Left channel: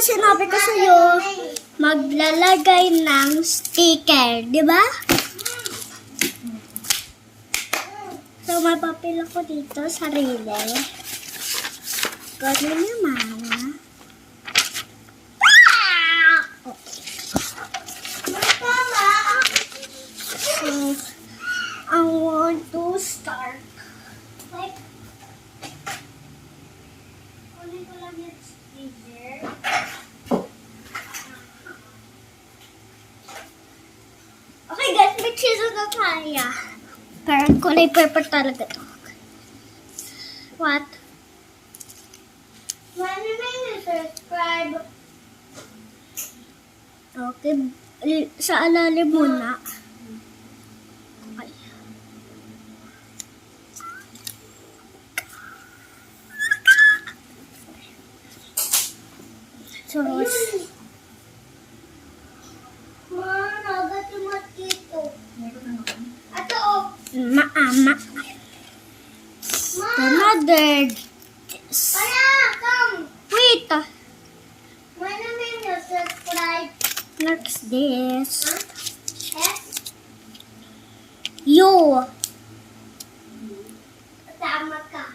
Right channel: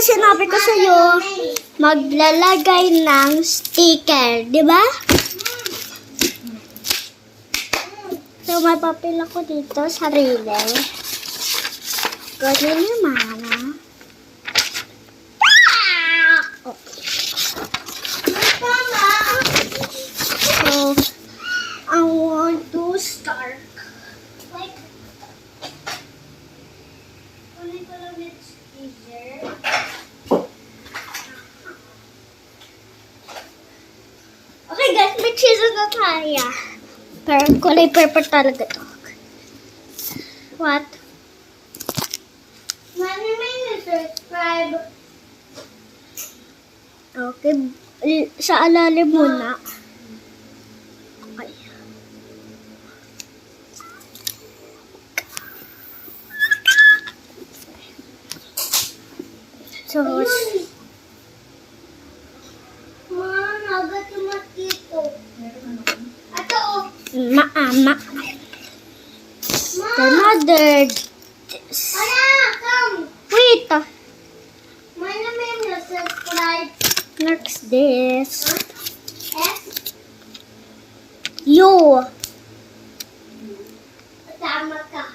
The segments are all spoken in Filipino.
sinabi ko sa'yo, maglalagay ng sticker, di ba? So, may papel ako dito sa railer. Gawin niyo, Mama. So, I want to start. Kunin ko lang yung sticker. Okay guys, may scissors na tayo. Pero kulay purple talaga to. What? Subscribe. Okay, sa alalim muna. Okay. So, Maama. The mother. Wait. Subscribe. Next this. You. Tama ka.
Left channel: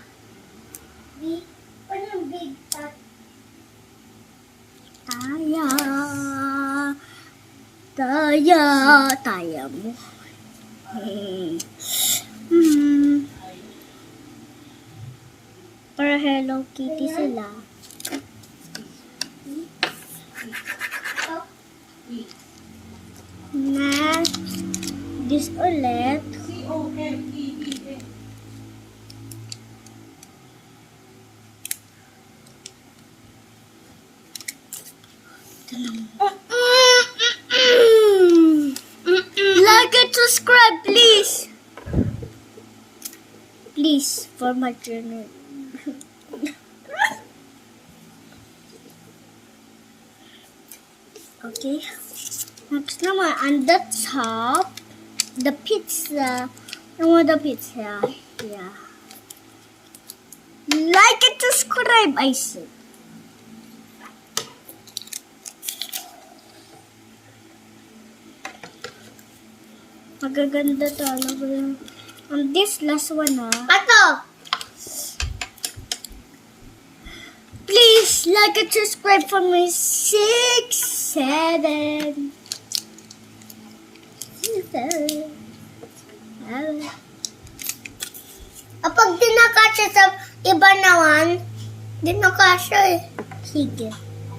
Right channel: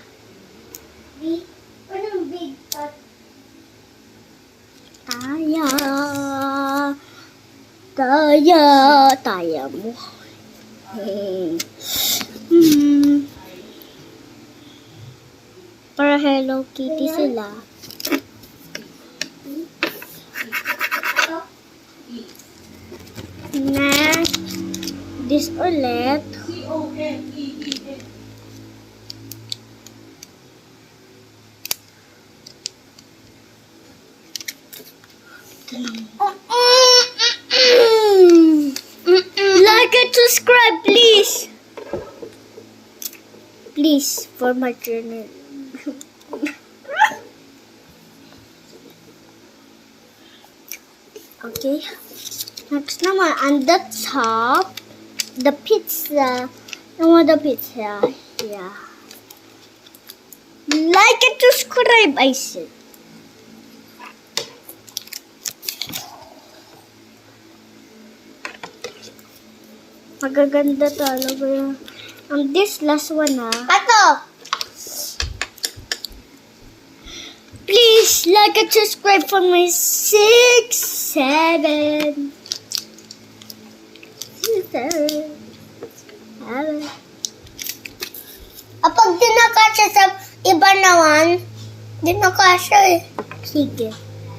Big. Anong big? Taya. Taya mo. Para Hello Kitty sila. Next, this ulit. C-O-M-E-E-N. Like and subscribe, please. Please, for my channel. Okay. Next naman, on the top, the pizza. I want the pizza. Yeah. Like and subscribe, I said. Magaganda talaga. This last one, Pato! Please like and subscribe for my 6, 7. Kapag di nakasya sa iba naman, di nakasya eh. Sige.